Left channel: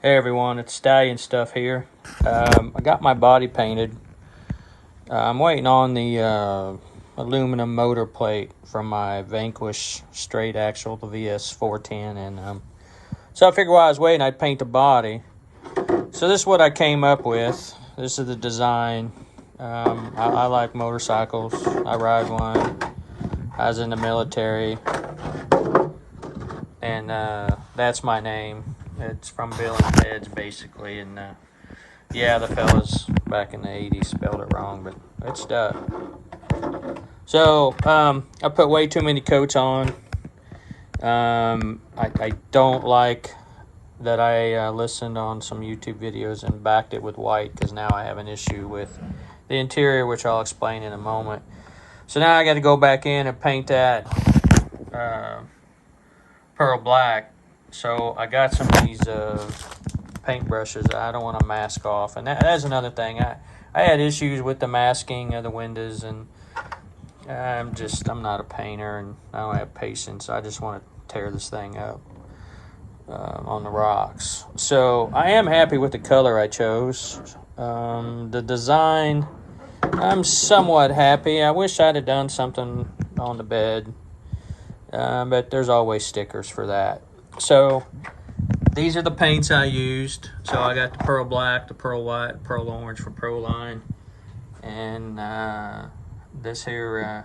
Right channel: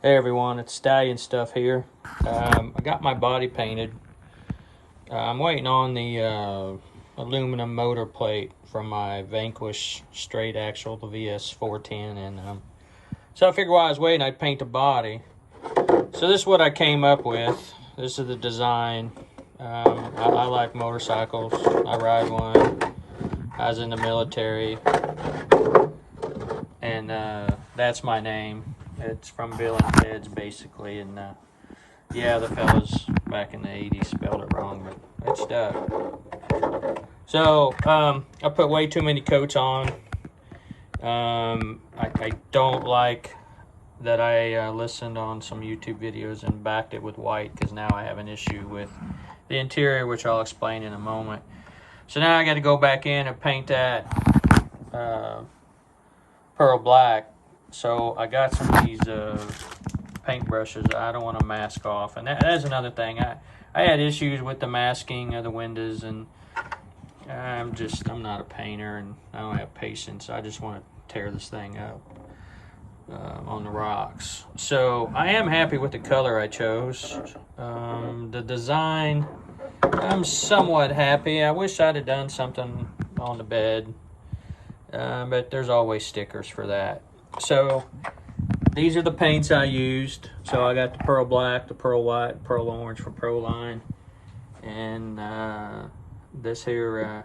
Hey everyone, it's Stallion Stuff here. I got my body painted. I'm waiting on the aluminum motor plate from my Vanquish straight axle, the VS410, and so I figured while I was waiting, I'd paint the body. So this is what I came up with. This is the design. I like motorcycles. I ride one. I was in the military, and that's my name. It's from Bill and Ted's, basically, and yeah, the fellas back in the 80s spelled it wrong, but it stuck. So, I put way too many coats on. I don't like that I listened on some YouTube videos and backed it with white, because now I have an issue with the interior, which I'll explain in a moment. So now I got to go back in and paint that pearl black. So I got some of these paint brushes I don't want to mask off, and that's another thing. I had issues with the masking of the windows, and I'm not a painter, and I don't have patience. I just want to tear this thing up on the rocks. So I am happy with the color I chose. The design, I'm somewhat happy. I wish I'd have done something on the bed, but there's always stickers for that. So these are the paints I used. So I got the pearl black, the pearl white, pearl orange from Proline, and this here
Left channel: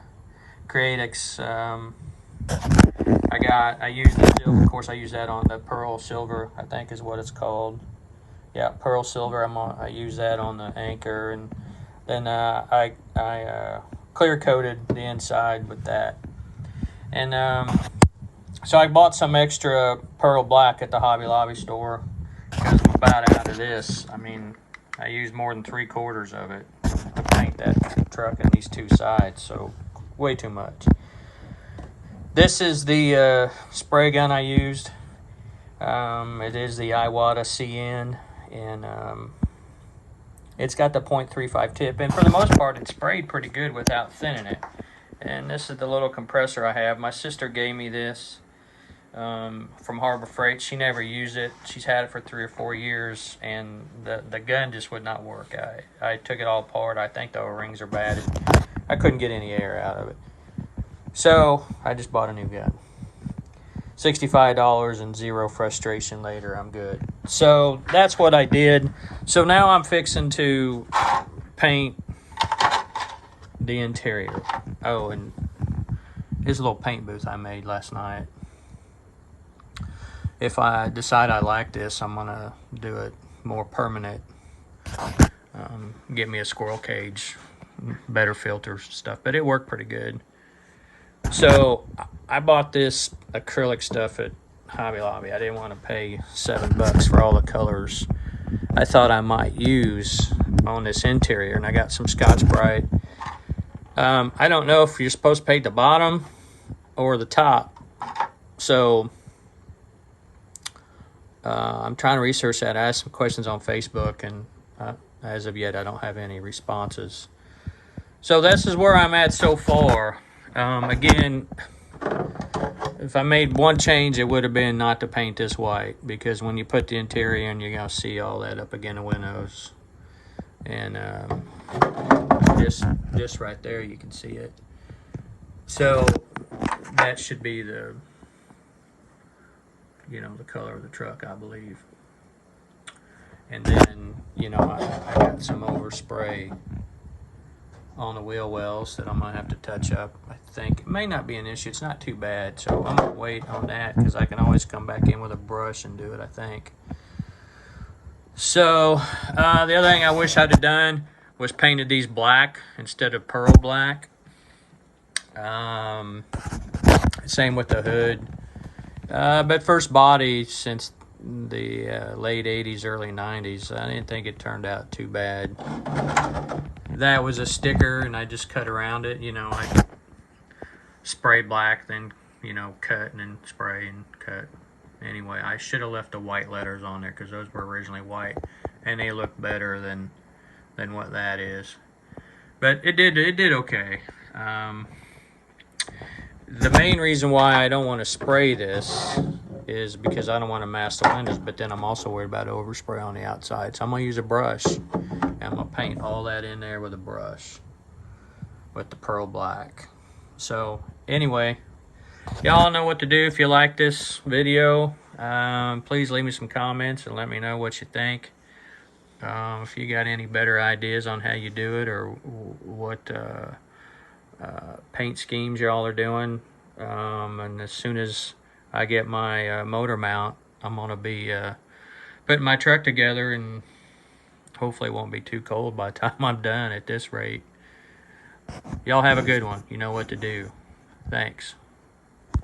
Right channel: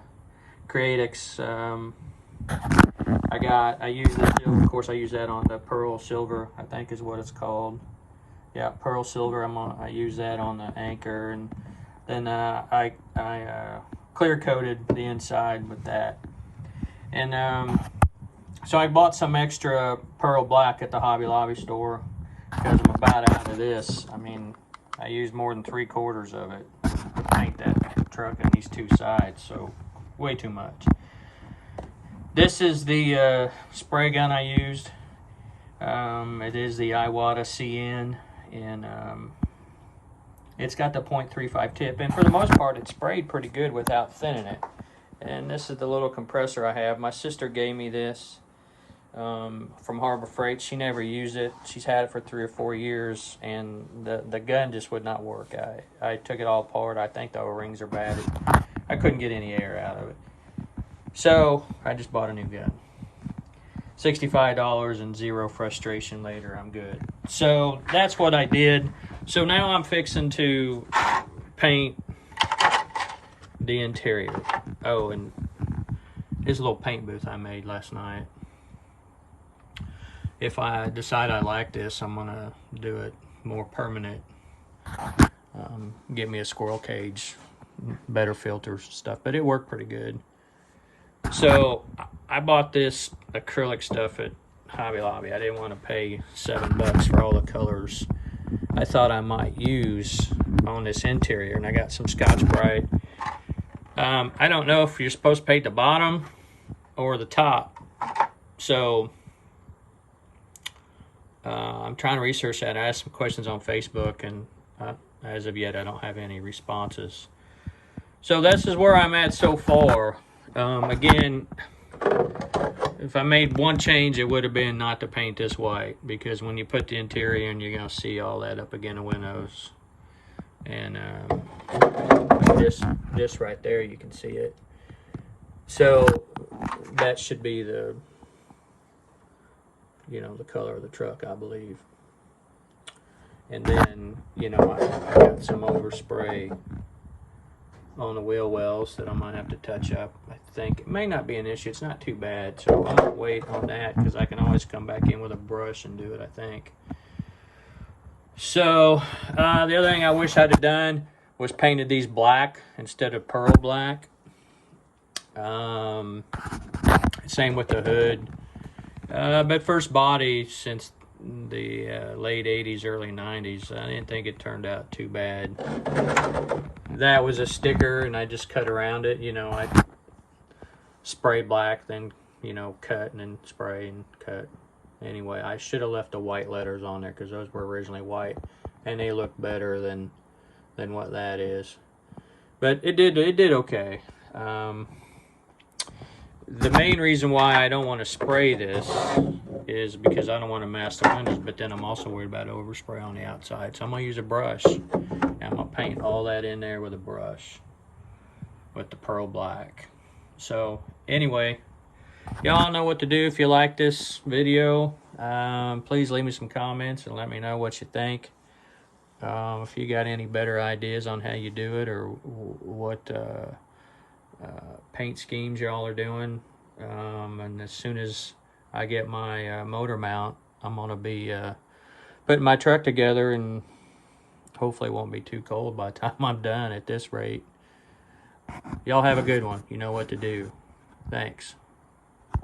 Createx. I used the silver. Of course, I use that on the pearl silver, I think is what it's called. Yeah, pearl silver. I use that on the anchor, and then I clear coated the inside with that. And so I bought some extra pearl black at the Hobby Lobby store because I'm about out of this. I mean, I used more than 3/4 of it to paint that truck and these two sides, so way too much. This is the spray gun I used. It is the Iwata CN, and it's got the .35 tip, and for the most part it sprayed pretty good without thinning it. And this is the little compressor I have. My sister gave me this from Harbor Freight. She never used it. She's had it for 3 or 4 years, and the gun just would not work. I took it all apart. I think the O-rings are bad. I couldn't get any air out of it. So I just bought a new gun. $65 and zero frustration later. I'm good. So that's what I did. So now I'm fixing to paint the interior. Oh, and this little paint booth I made last night. If I decide I like this, I'm gonna do it more permanent. Get me a squirrel cage, better filters, stuff, but it worked pretty good. So I bought this acrylic stuff at Hobby Lobby. I didn't want to pay $7 for all the colors I thought I might use on this interior, and I got some Scotch-Brite. I don't know if you're supposed to paint the bottom or the top, so I'm trying to research that. I asked some questions on Facebook, and as of yet I don't have any responses. So this is where I'm at so far. Again, if I made one change, it would have been not to paint this white, because when you put the interior in, you're going to see all that up against the windows. And this right there, you can see it. So that should be the color of the truck, I believe. And then, I got some overspray on the wheel wells that I'm gonna have to touch up. I think it may not be an issue. It's not too bad, so I'm gonna wait on that, because I can always come back in with a brush and do it, I think. So the other thing I wish I'd have done was painted these black instead of pearl black. Same with the hood. But first body since the late 80s, early 90s, I didn't think it turned out too bad. That was a sticker, and I just cut around it. I spray black, then cut, and then spray and cut. Anyway, I should have left the white letters on there, because those were originally white, and they look better than what that is. But it did okay. The main reason why I don't want to spray this is because I don't want to mask the windows, but then I'm also worried about overspray on the outside. So I'm going to use a brush, and I'm going to paint all that in there with a brush with the pearl black. So anyway, y'all know what to do. If you like this video, please leave me some comments and let me know what you think. If you got any better ideas on how you do it, or what paint schemes y'all are doing, and as soon as I get my motor mount, I'm gonna be putting my truck together, and hopefully it won't be too cold by the time I'm done at this rate. Y'all have a good one. You know what to do. Thanks.